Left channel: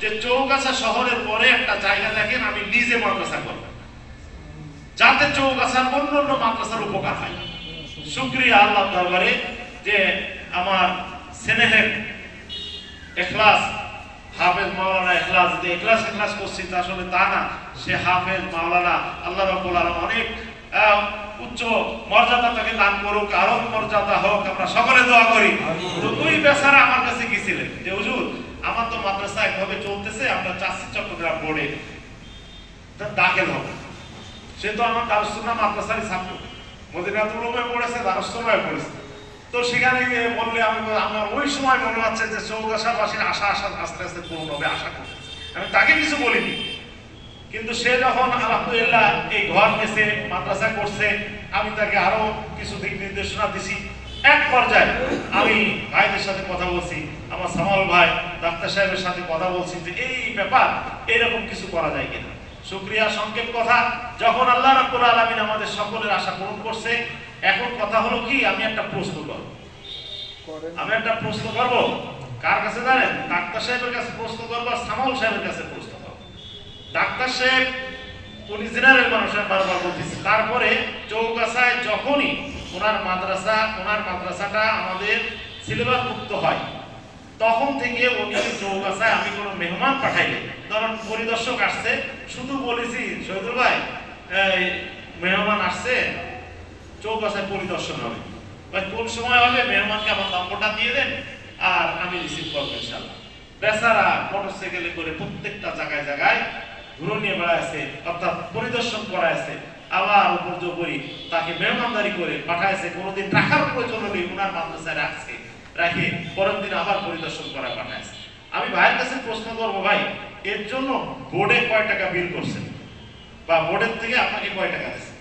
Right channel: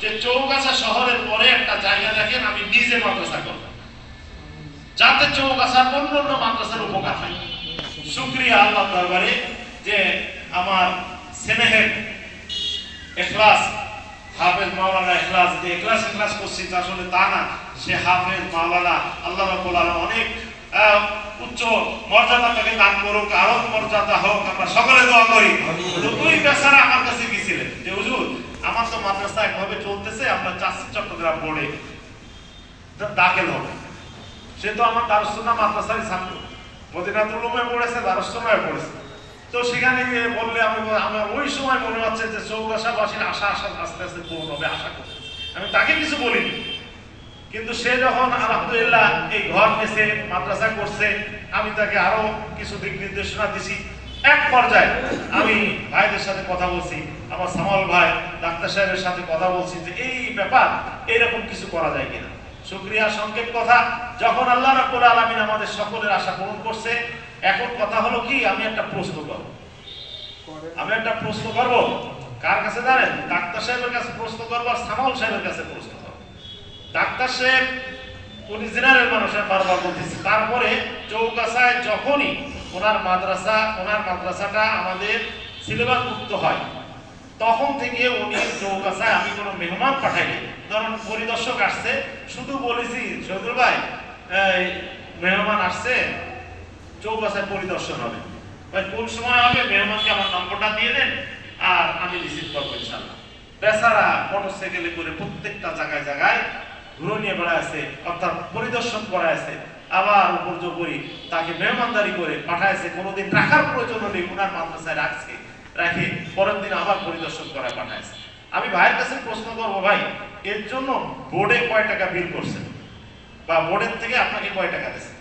যে চৌগাছা শহরের পরে একটা জায়গা দেখেন আমি নিজে মাদ্রাসা করব, যাতে চৌগাছার অন্যান্য মাদ্রাসার উপকার হয়। শুকরিয়া আল্লাহ দরবারে যে আমার স্নেহের ইখলাস হাফেজ মাওলানা ইখলাস, যে ইখলাস করছি আসলে তা না, সে হাফেজ মাওলানা আল্লাহ রাব্বুল আলামিন অনেক উচ্চ মর্যাদা তাকে দান করুক, আরো মর্যাদা হোক, আমরা সকলে দোয়া করি। তো ওই বেচারা আমার কাছে গেছিলেন যে হুজুর আমার তো মাদ্রাসা একভাবে চলতেছে, আমরা চাচ্ছি চট্টগ্রাম বোর্ডে দাখিল হবে। সে তো আমার দারুস সুন্নাহ মাদ্রাসারই ছাত্র, মদিনাতুল উলুমে পড়েছে, দারুস সুন্নাহে পড়েছে। তো সেখানে গিয়ে বললে আমার ওই সময় মনে হচ্ছে যে চৌগাছাবাসীর আশা আস্তে আস্তে পূর্ণ হবে, আশা করছি। আমি তাকে কিছু বলিনি, কিন্তু সে যখন আলহামদুলিল্লাহ এই ঘর নিয়েছে, মাদ্রাসা করছে, আমি তাকে আরো কিছু দিক নির্দেশনা দিছি। এক পর্যায়ে আমি ভাইদের সাথে কথা বলছি, আমার সামাল ভাই ডাক্তার সাহেবের সাথে কথা বলছি যে এই ব্যাপার, এরকম কিছু করা যায় কিনা। শুকরিয়া, সংক্ষেপ কথা, যখন আল্লাহ রাব্বুল আলামিন আমাদের সকলের আশা পূরণ করছে, এখন কথা হলো কি, আমি একটা প্রশ্ন করব। কার কাছে জানেন? ডাক্তার সাহেবের কাছে প্রশ্ন করবো, সামাল সাহেবের কাছে প্রশ্ন করবো। ডাক্তার সাহেব উনি জেনারেল মানুষ, বারবার বলতেছি। তারপরে চৌগাছায় যখনই ওনার মাদ্রাসাটা আমাদের সিলেবাস মুক্ত হয়, তখন থেকে উনি চৌগাছায় আমি কোনো মেহমান পাঠাইনি, ধরুন পরিদর্শক আসছে, শুধু বলেছি শহীদুল ভাই মেহমান আসছে, চৌগাছায় পরিদর্শন হবে, কোন সময় হবে, মেহমানকে আমার নম্বরটা দিয়ে দেন আর আমি রিসিভ করবো ইনশাআল্লাহ। বেচারা মোটরসাইকেলে করে প্রত্যেকটা জায়গায় জায়গায় ঘুরে নিয়ে বেড়াচ্ছে, অর্থাৎ পরিদর্শন করাইছে, আবার উপর্যুপরি তাকে মেহমানদারি করে পাঠাইছে। কোনোদিন রাখার প্রয়োজন হলে ওনার মাদ্রাসায় রাখে পরের দিন আবার পরিদর্শন করায় পাঠাইছে। আমি ভাইয়ের কাছে প্রশ্ন করবো, ভাই এর জন্য বোর্ডে কয় টাকা বিল করছেন, বা বোর্ডের থেকে আপনাকে কয় টাকা দিচ্ছে?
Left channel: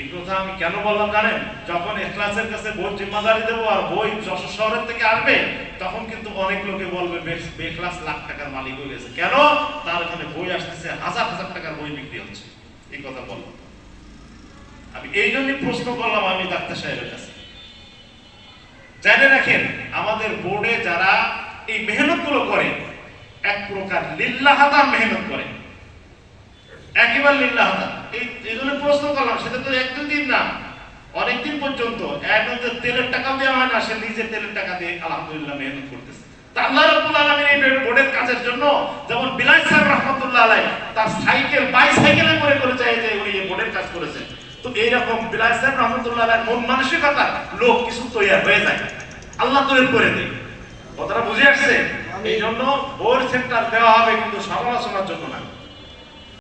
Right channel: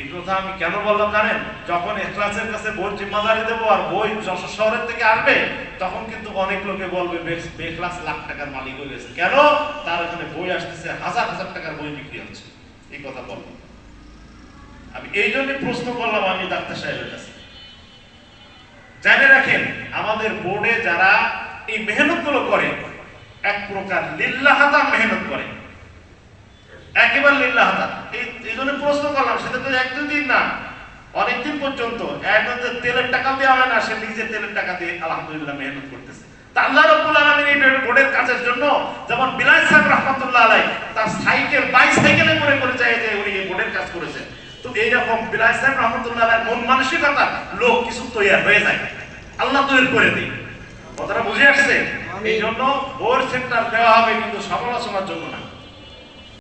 এই কথা আমি কেন বললাম জানেন? যখন ইখলাসের কাছে বই জিম্মাদারি দেবো আর বই যশোর শহরের থেকে আসবে, তখন কিন্তু অনেক লোকে বলবে বেখলাস লাখ টাকার মালিক হয়ে গেছে। কেন? তার এখানে বই আসতেছে, হাজার হাজার টাকার বই বিক্রি হচ্ছে। এই কথা বললাম আমি, এই জন্যই প্রশ্ন করলাম আমি ডাক্তার সাহেবের কাছে। জেনে রাখেন, আমাদের বোর্ডে যারা এই মেহনত গুলো করে, এক প্রকার লিল্লাহাদান মেহনত করে, একেবারে লিল্লাহাদান। এই জন্য প্রশ্ন করলাম, সেটা তো এক দুদিন না, অনেকদিন পর্যন্ত। একদম তেলের টাকা দেওয়া হয় না, সে নিজের তেলের টাকা দিয়ে আলহামদুলিল্লাহ মেহনত করতেছে। তা আল্লাহ রাব্বুল আলামিন এই বোর্ডের কাজের জন্য, যেমন বিলাল সাহেব রাহমাতুল্লাহ আলাইহি তার বাইসাইকেলে করে যায় যে উনি এই বোর্ডের কাজ করেছেন। তো এইরকম বিলাল সাহেব রাহমাতুল্লাহ আলাইহি মন মানসিকতা লোক কিছু তৈরি হয়ে যায়, আল্লাহ তৈরি করে দেয়। কথাটা বুঝে আসছে? এই জন্য বোর্ড সেন্টার দেওয়া হবে, কিন্তু সমালোচনার জন্য না।